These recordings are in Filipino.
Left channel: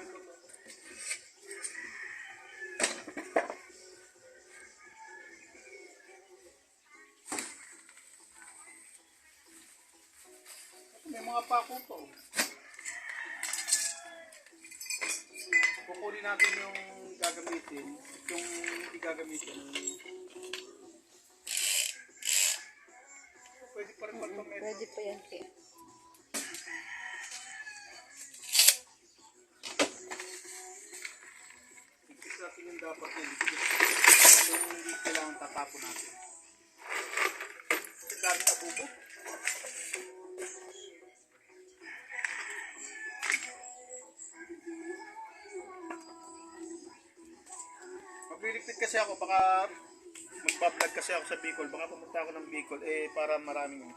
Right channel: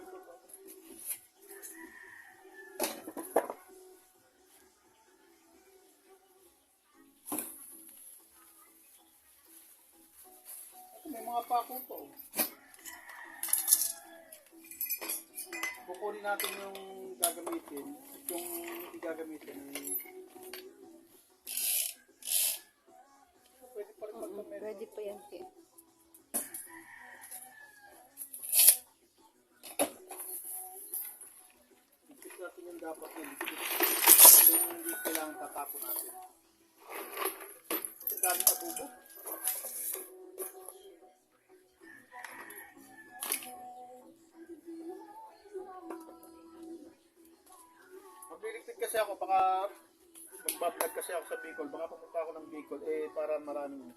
ginagamit ko to. Ito, may mga pako to. Kukunin natin yung gagamitin. Yung hindi gagamitin. Pwede pa rin magpamento. Ready pa yan, kaya. Ikis natin yung dapat yan. Yung hindi kailangan tatapon natin. Ang dami abubo. Magliligpit kasi ako, baka magbablog kasi ako sa Bicol, baka pumunta ako ng Bicol, para maraming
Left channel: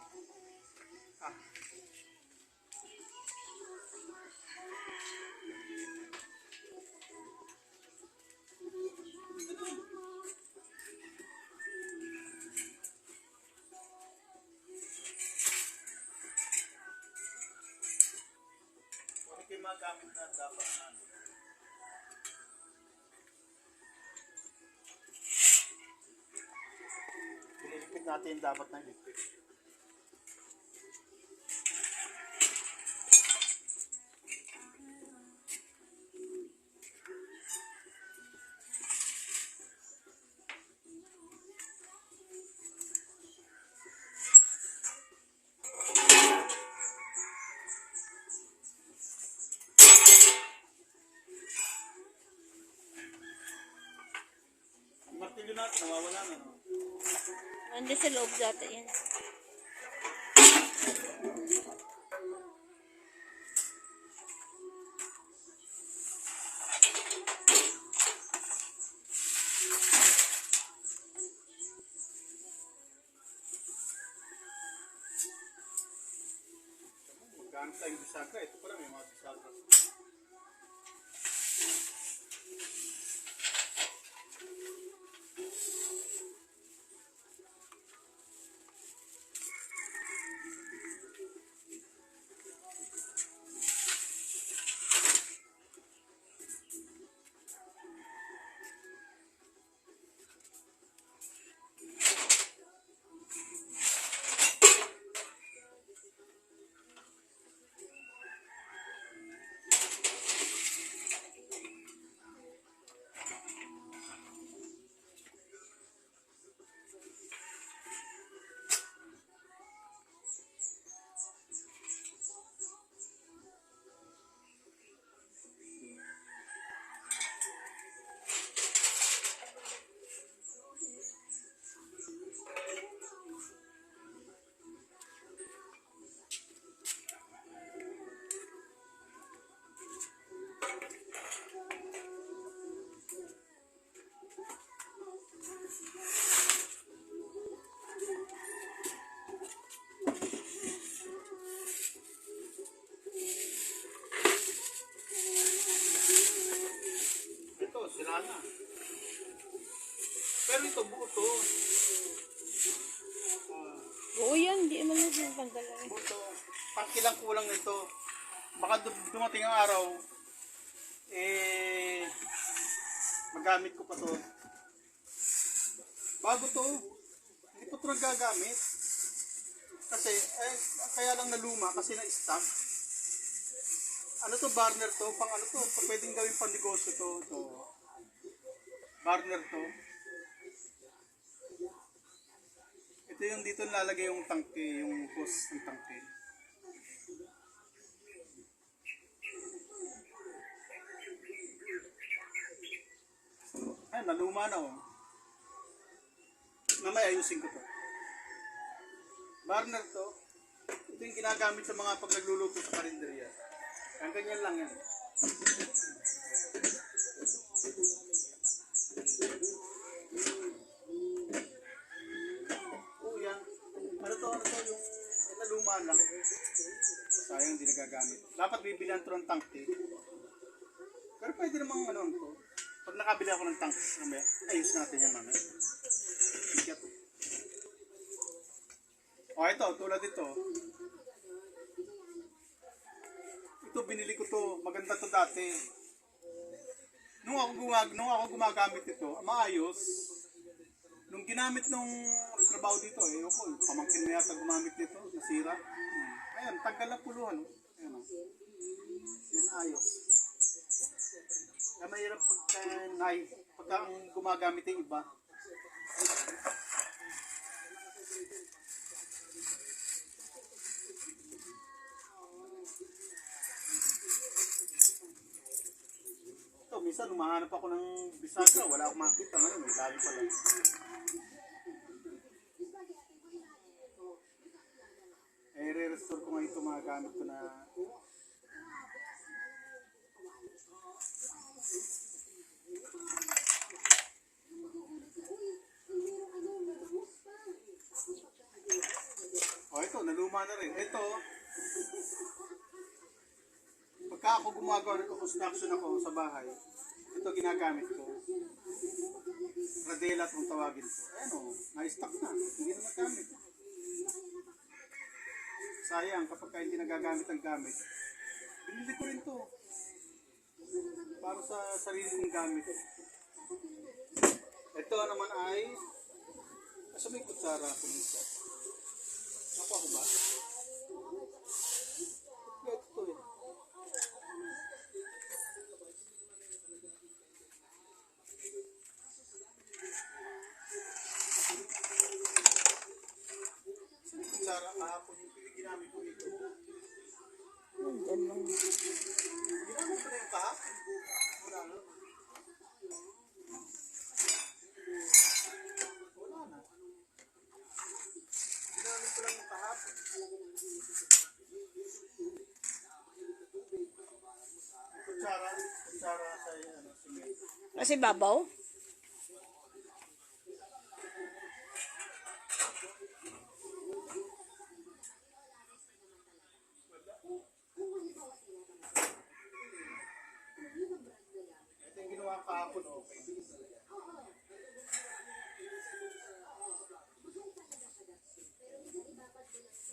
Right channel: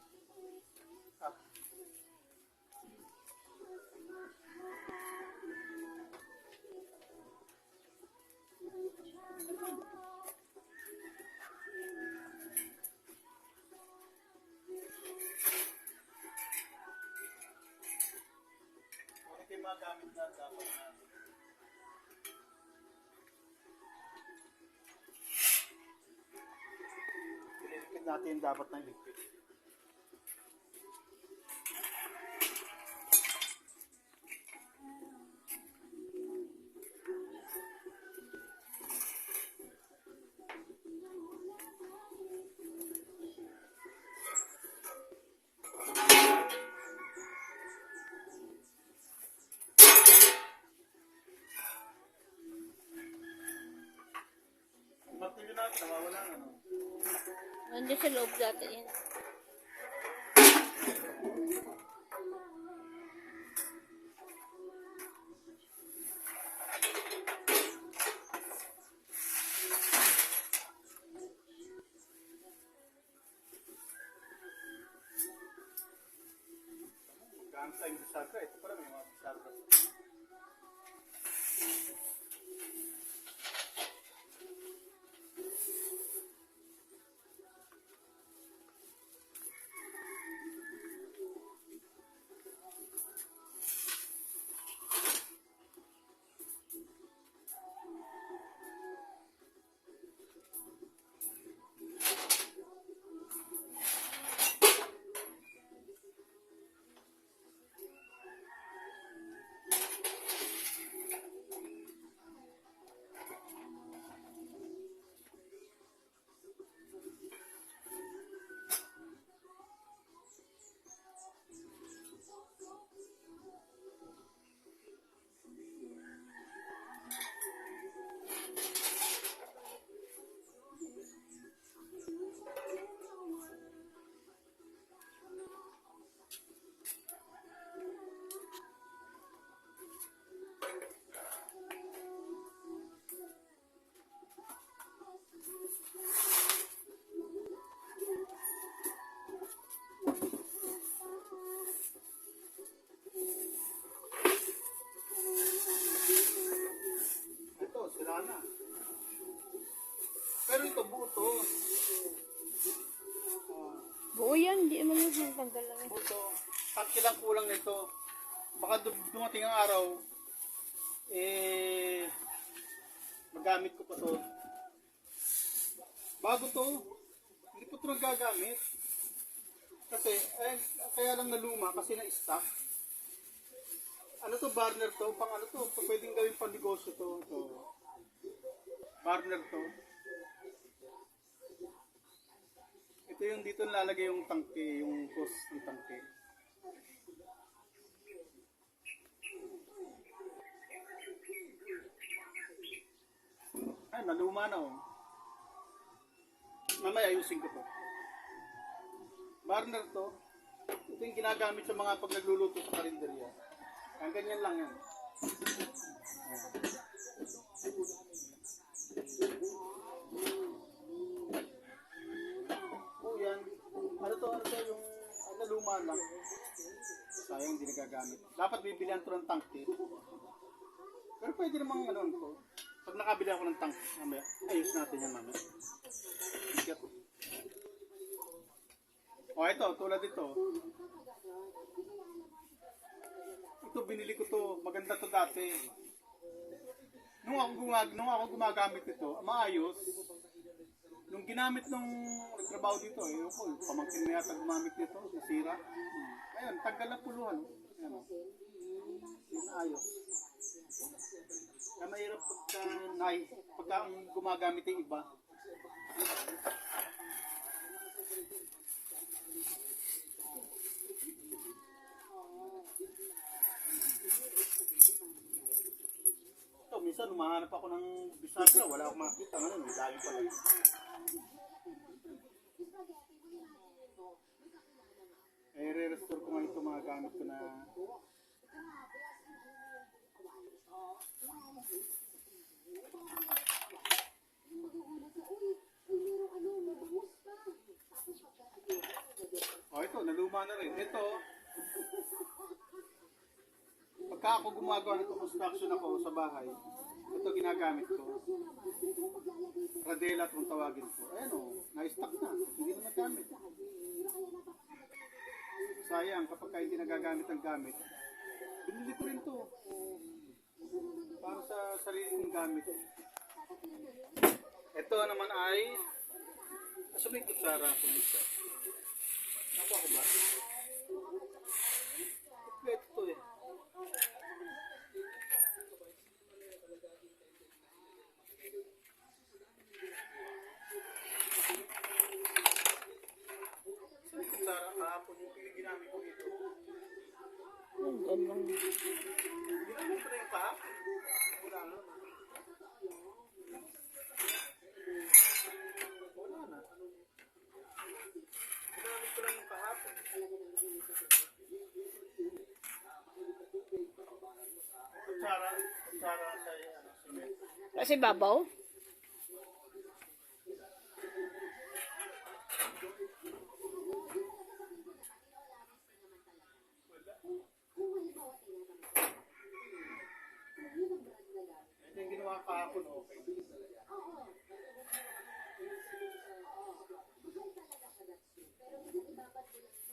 Kung kayo magamit na dapat na ililipid natin dapat na ilipid. Ang martilyo natin, nawawala na, no? Nandun sa loob dati yan. Magkano tayong bisagra? Ito pala may mga bisagra. Ito, sila na. Pero ito, buo to. Buo yan, di naman yung tanggal lang. Buo to. Pangkilang kulang nito. Baka dumating ang araw, magamit ko pa to. Bago to. Hindi pa to nagagamit. Kasi, kaya lang naluma kasi na-stock. Ano to, burner to? Pang ano to? Pwedeng gawin pang negosyo to. Ito. Burner to. Ito yung dito nilalagay yung tangke, yung hose ng tangke. Ay, naluma na oh. Mamaya ayusin ko to. Burner to. Ito yung ginagamit sa mga pag nagluluto sa karinderya. Ang ganyan lang yan. Oh, yan. Ano to yung naluma lang. Sayang hindi nagagamit. Dapat bibilihan to ng tangke. Pero pwede namang ano to. Pag nakabili ako ng tank, mamaya, ayos natin yan mamaya. Bigat. O ito, tulad ito. Ito, binili ko to. Maganda to dati. nung ako gumagamit ito, maayos. Nung ginamit nung nagtrabaho dito, pamangkin mo yata gumamit nito, nasira. Ayan, tanggal na puluhan. Ayan, yun ayos. Kaya mahirap pagka ang gumagamit yung iba. Ito, minsan lumahanap ako ng bisagra, wala akong makita. Ngayon, may dami pala. Re-restore ko nga ito mga gamit ko na ito, naluma na rin. Ito, pagka ako gumagawa ng construction ako sa bahay, ito ginagamit ko. Radela itong tawagin ko. Ayan o, na-stock na. Hindi na nagamit. Sayang, kapag hindi nagagamit ang gamit, binili ko rin to. Para sa sarili kong gamit. Ito naman ay, asa may kutsara ako nito? Nakuha ko ba? Kompleto to eh. Asa may kutsara kahapon yung ginamit ko dito? Ganun. Ginamit ko na yung kahapon? Wala na. Wala na. Ginamit ko lang yung kahapon. Kutsara sa cement. Kasi babaw? Ito yung ginawa kahapon, okay.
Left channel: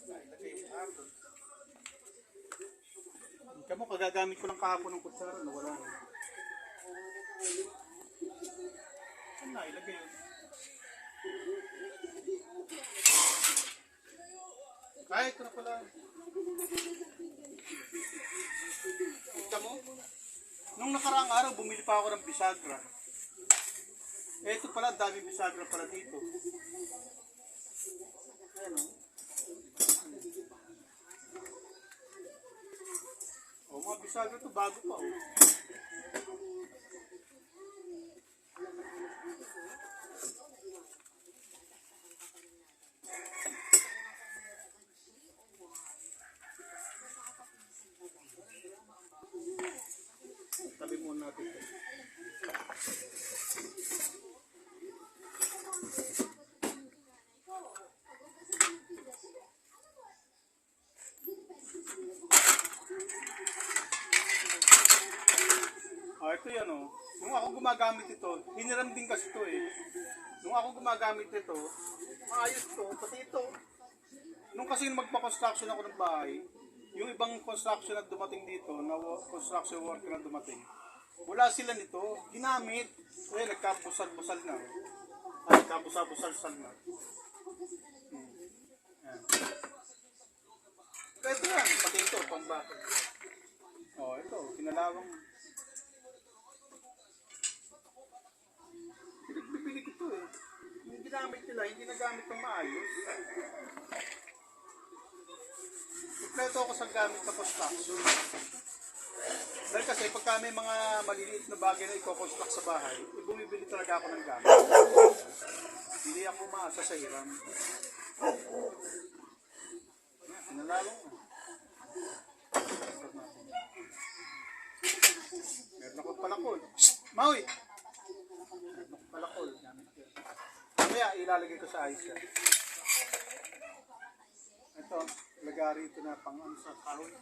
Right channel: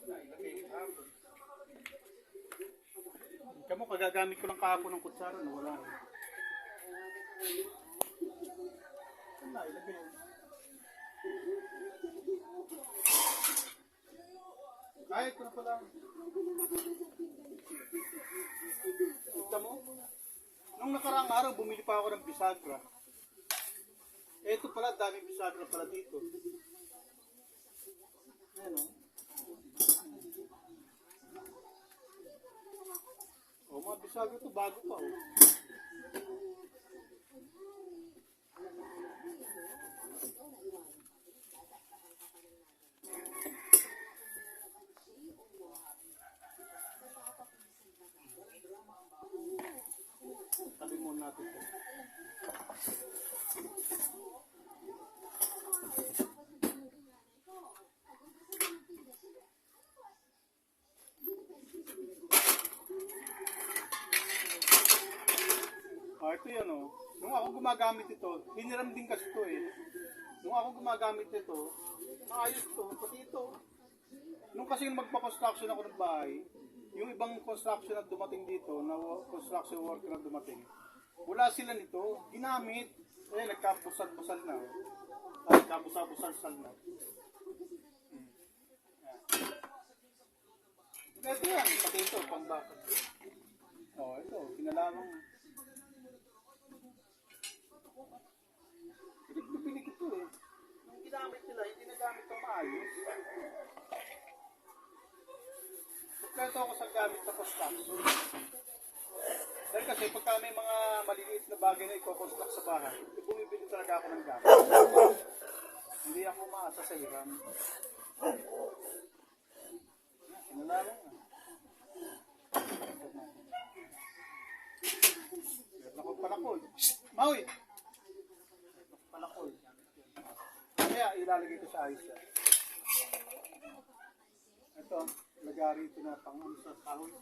Ilagay yung kahapon. Kamo, kagagamit ko lang kahapon ng kutsara, nawala na. Saan na, ilagay yun. Kahit ko na pala. Ito mo? Nung nakaraang araw, bumili pa ako ng bisagra. Ito pala, daming bisagra pala dito. Ayan o. Mga bisagra to bago pa o. Tabi muna natin ito. Ito yan o. Nung ako gumagamit ito, hiniram din kasi ito eh. Nung ako gumagamit ito, maayos ito, pati ito. Nung kasi magpa-construction ako ng bahay, yung ibang construction na dumating dito, na construction worker na dumating, wala sila nito, ginamit. Eh, nagkabusal-busal na. Ay, nagkabusal-busal na. Yan. Ito yan, pati ito, pambakad. Ito, kinalawang. Bibili ko ito eh. Yung ginamit nila, hindi nagamit ng maayos. Kompleto ako sa gamit sa construction. Dahil kasi pagka may mga maliliit na bagay na i-construct sa bahay, bumibili talaga ako ng gamit. Hindi ako maasa sa hiram. Yan, sinalawang na. Meron ako palakol. Maui! Meron ako palakol. Kaya ilalagay ko sa ayos yan. Ito, lagari ito na pang sa kahoy.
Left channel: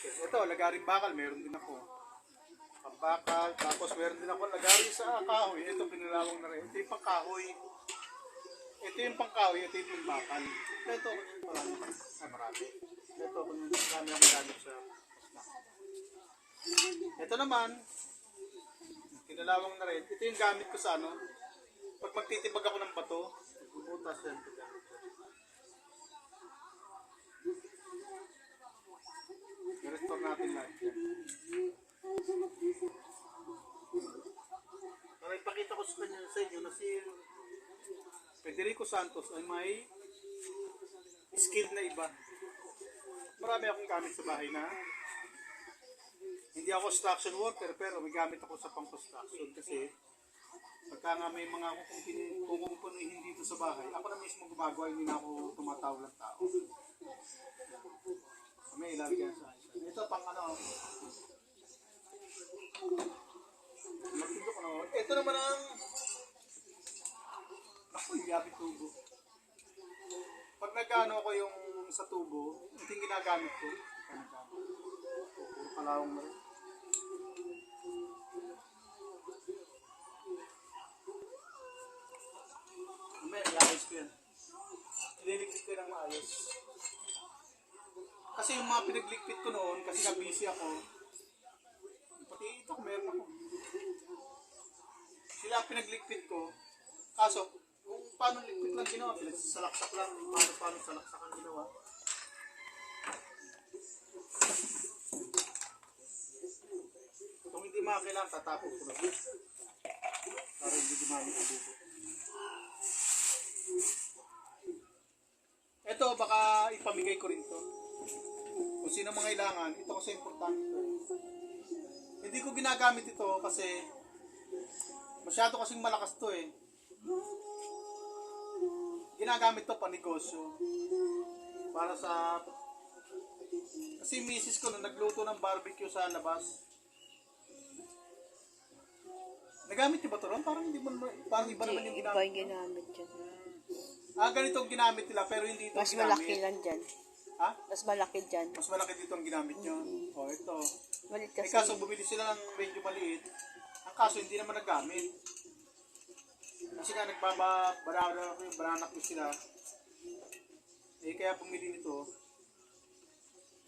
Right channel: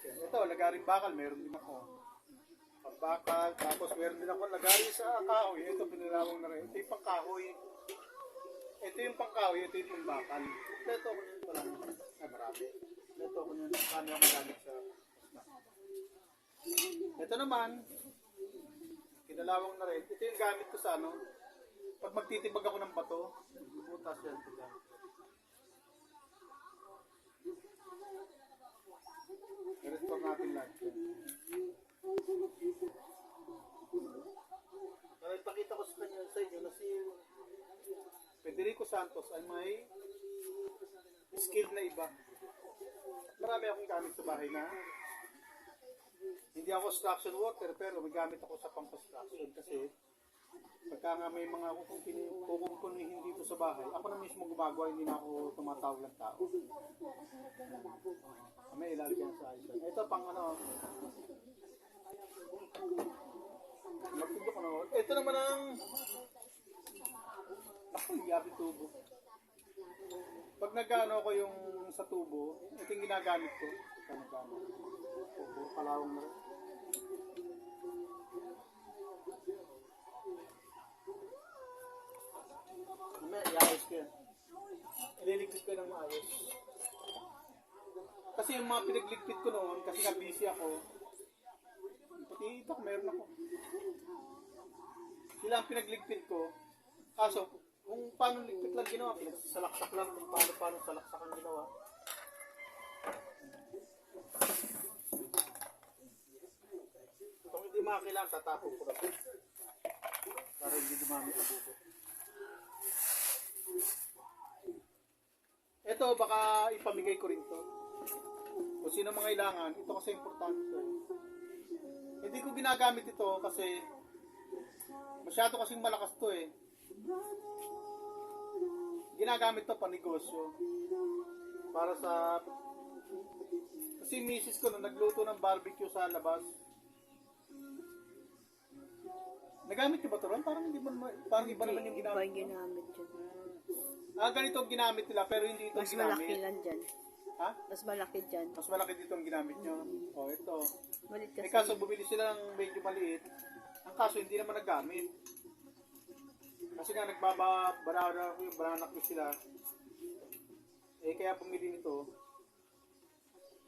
Ito, lagaring bakal, meron din ako. Pambakal, tapos meron din ako lagari sa kahoy. Ito, pinalawang na rin. Ito yung pang kahoy. Ito yung pang kahoy, ito yung bakal. Ito ako yung marami. Ito ako yung marami akong gamit sa Ito naman, kinalawang na rin. Ito yung gamit ko sa ano, pag magtitibag ako ng bato, bubutas yan. Ito gamit ko. I-restore natin lahat yan. So, ipakita ko sa inyo na si Federico Santos ay may skill na iba. Marami akong gamit sa bahay na hindi ako construction worker pero may gamit ako sa pang-construction kasi pagka nga may mga kukumpunuhin dito sa bahay, ako na mismo gumagawa, hindi na ako tumatawag ng tao. May ilalagyan sa ayos. Ito pang ano, magtindok ko na. Ito naman ang ako, yabi tubo. Pag nagano ko yung sa tubo, ito yung ginagamit ko. Pag nagano. Puro kalawang na rin. May iayos ko yan. Ililigpit ko ng maayos. Kasi yung mga pinagligpit ko noon, kasi nga busy ako, pati ito, meron ako. Sila ang pinagligpit ko. Kaso, kung paano ligpit lang ginawa, pinagsalaksak lang, kung paano salaksak ang ginawa. Kung hindi makakailangan, tatapon ko na. Para hindi dumami ang bubo. Ito, baka ipamigay ko rin to. Kung sino mga kailangan, ito kasi importante to. Hindi ko ginagamit ito kasi masyado kasing malakas to eh. Ginagamit to pa negosyo. Para sa kasi misis ko na nagluto ng barbecue sa labas. Nagamit niyo ba ito ron? Parang hindi mo parang iba naman yung Iba ginamit. yung ginamit dyan. Ganito ang ginamit nila pero hindi ito Mas ginamit. malaki lang dyan. Ha? Mas malaki dyan. Mas malaki dito ang ginamit nyo. O, ito. Malit Eh kasi. kaso bumili sila ng medyo maliit. Ang kaso hindi naman nagamit. Kasi nga bananak ko sila. Eh kaya bumili nito.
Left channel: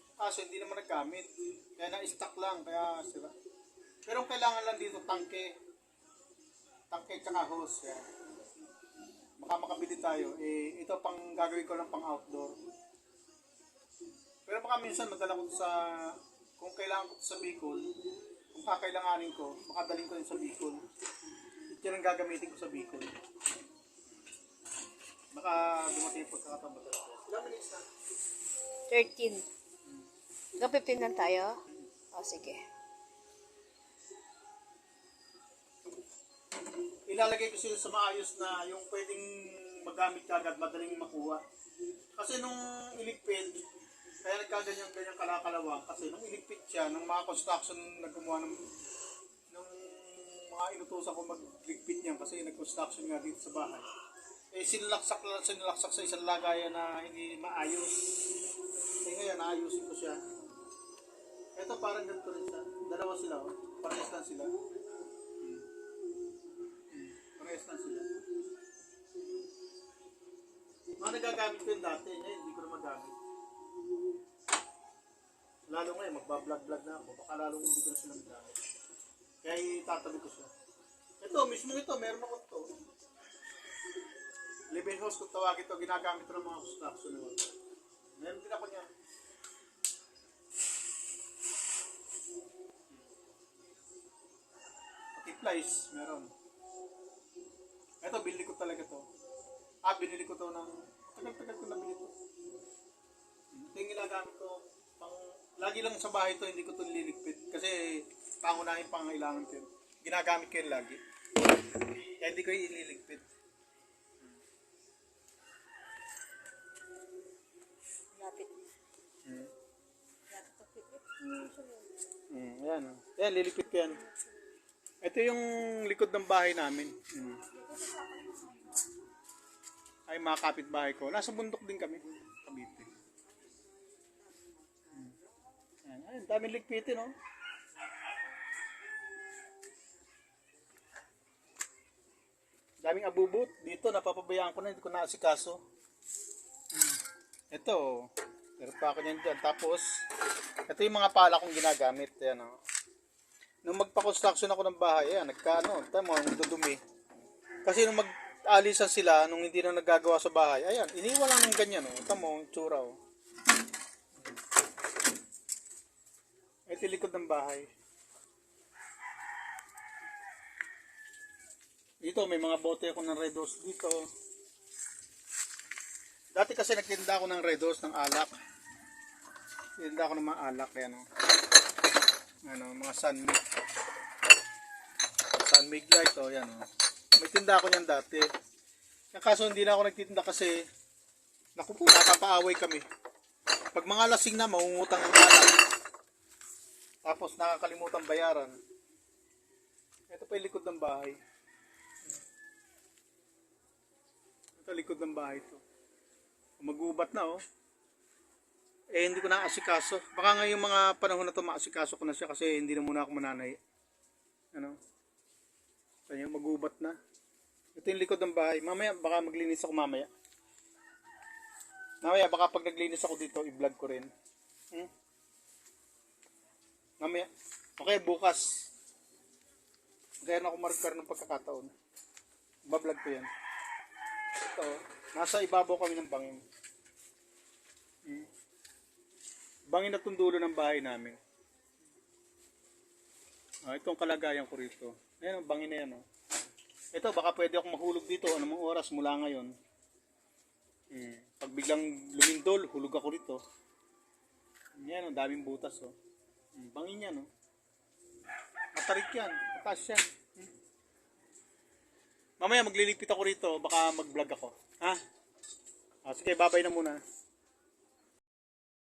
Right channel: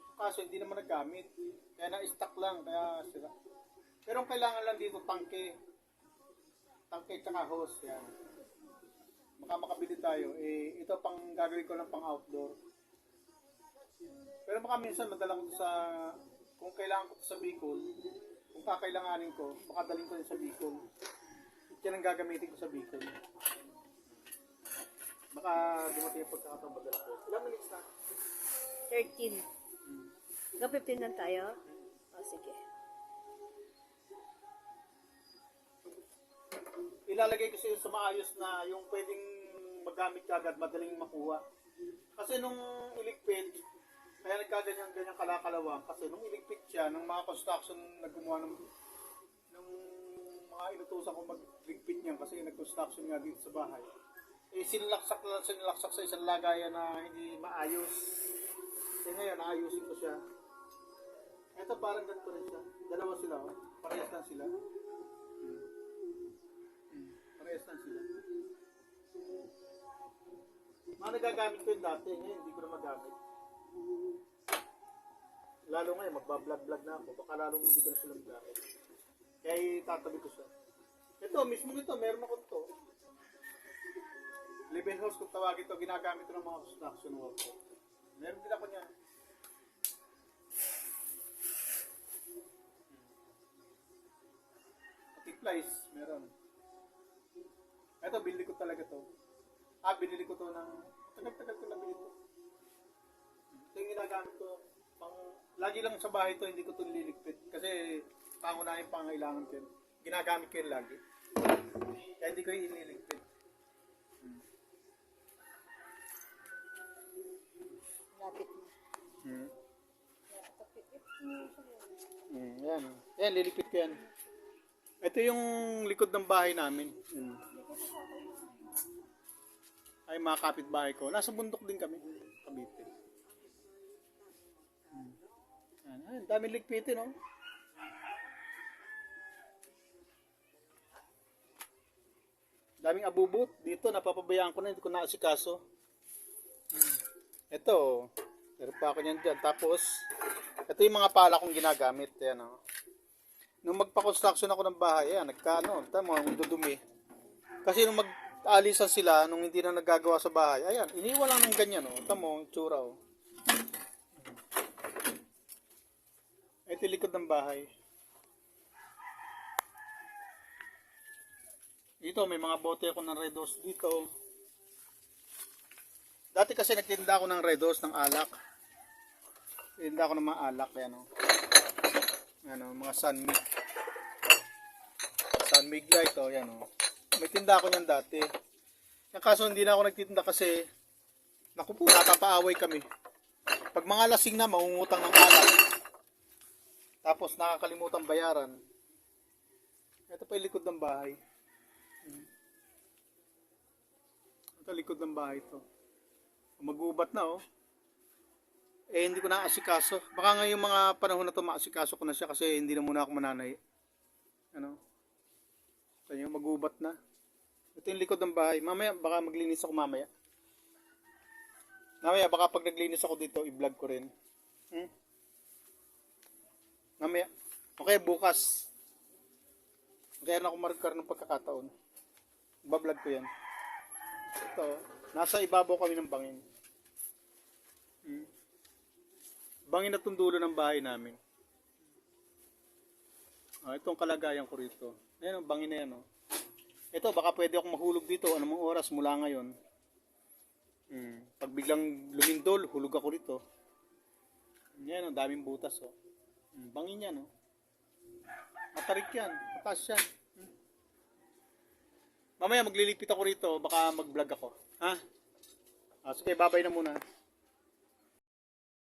Ang kaso hindi naman nagamit. Kaya na-stock lang. Kaya sila. Pero ang kailangan lang dito, tangke. Tangke tsaka hose. Yan. Baka makabili tayo. Eh ito pang gagawin ko lang pang outdoor. Pero baka minsan madala ko sa, kung kailangan ko sa Bicol, kung kakailanganin ko, baka daling ko rin sa Bicol. Yan ang gagamitin ko sa Bicol. Baka dumating yung pagkakataon madala ko. Ilang minutes na? 13. Hanggang 15 lang tayo? O, sige. Ilalagay ko sila sa maayos na yung pwedeng magamit kagad, madaling makuha. Kasi nung iligpit, kaya nagkaganyan-ganyan kalakalawang kasi nung iligpit siya, ng mga construction na gumawa ng mga inutusan ko magligpit niyan kasi nag-construction nga dito sa bahay. Eh sinilaksak sa isang lagayan na hindi maayos. Eh ngayon, naayusin ko siya. Ito parang ganito rin siya. Dalawa sila, oh. Parehas lang sila. Parehas lang sila. Mga nagagamit ko yung dati, ngayon hindi ko na magamit. Lalo ngayon, magbablog-vlog na ako. Baka lalong hindi ko na sila magamit. Kaya itatabi ko siya. Ito, mismo ito, meron ako ito. Live-in house kung tawagin ito, ginagamit ito ng mga construction worker. Meron din ako niyan. Pati plies, meron. Ito, binili ko talaga to. Binili ko to ng, tagal-tagal ko nabili to. Ito yung ginagamit ko. Lagi lang sa bahay to, hindi ko to nililigpit. Kasi pangunahin pangailangan ko yun. Ginagamit ko yun lagi. Kaya hindi ko yung iniligpit. Lapit. Yan. Yan, liligpit ko yan. Ito yung likod ng bahay namin. Ay, mga kapitbahay ko. Nasa bundok din kami. Cavite. Ay, daming ligpitin, no? Daming abubot. Dito, napapabayaan ko na. Hindi ko naasikaso. Ito. Meron pa ako niyan dyan. Tapos, ito yung mga pala kong ginagamit. Ayan, oh. Nung magpa-construction ako ng bahay, ayan, nagkaano, tama, ang dudumi. Kasi nung mag-alisan sila, nung hindi na nagagawa sa bahay, ayan, iniwan lang ng ganyan, oh. Tama, ang tsura, oh. Ito yung likod ng bahay. Dito, may mga bote ako ng Red Horse dito. Dati kasi nagtinda ako ng Red Horse, ng alak. Tinda ako ng mga alak, yan, oh. Ano, mga Sunmig Light, oh, yan, oh. May tinda ako niyan dati. Yung kaso hindi na ako nagtitinda kasi naku po, natapaaway kami. Pag mga lasing na, mangungutang ng alak. Tapos nakakalimutan bayaran. Ito pa yung likod ng bahay. Ito likod ng bahay to. Mag-ubat na, oh. Eh, hindi ko na asikaso. Baka ngayong mga panahon na to maasikaso ko na siya kasi hindi na muna ako mananay. Ano? Kaya mag-ubat na. Ito yung likod ng bahay. Mamaya, baka maglinis ako mamaya. Mamaya, baka pag naglinis ako dito, i-vlog ko rin. Mamaya. Okay, bukas. Kaya na ako marker ng pagkakataon. Bablog ko yan. Ito, nasa ibabaw kami ng bangin. Bangin na tundulo ng bahay namin. Itong kalagayan ko rito. Ayan ang bangin na yan. Oh. Ito, baka pwede akong mahulog dito. Anong oras mula ngayon. Pag biglang lumindol, hulog ako rito. Yan, ang daming butas. Oh. Bangin yan. Oh. Matarik yan. Mataas yan. Mamaya maglilipit ako rito. Baka mag-vlog ako. Ha? Sige, babay na muna.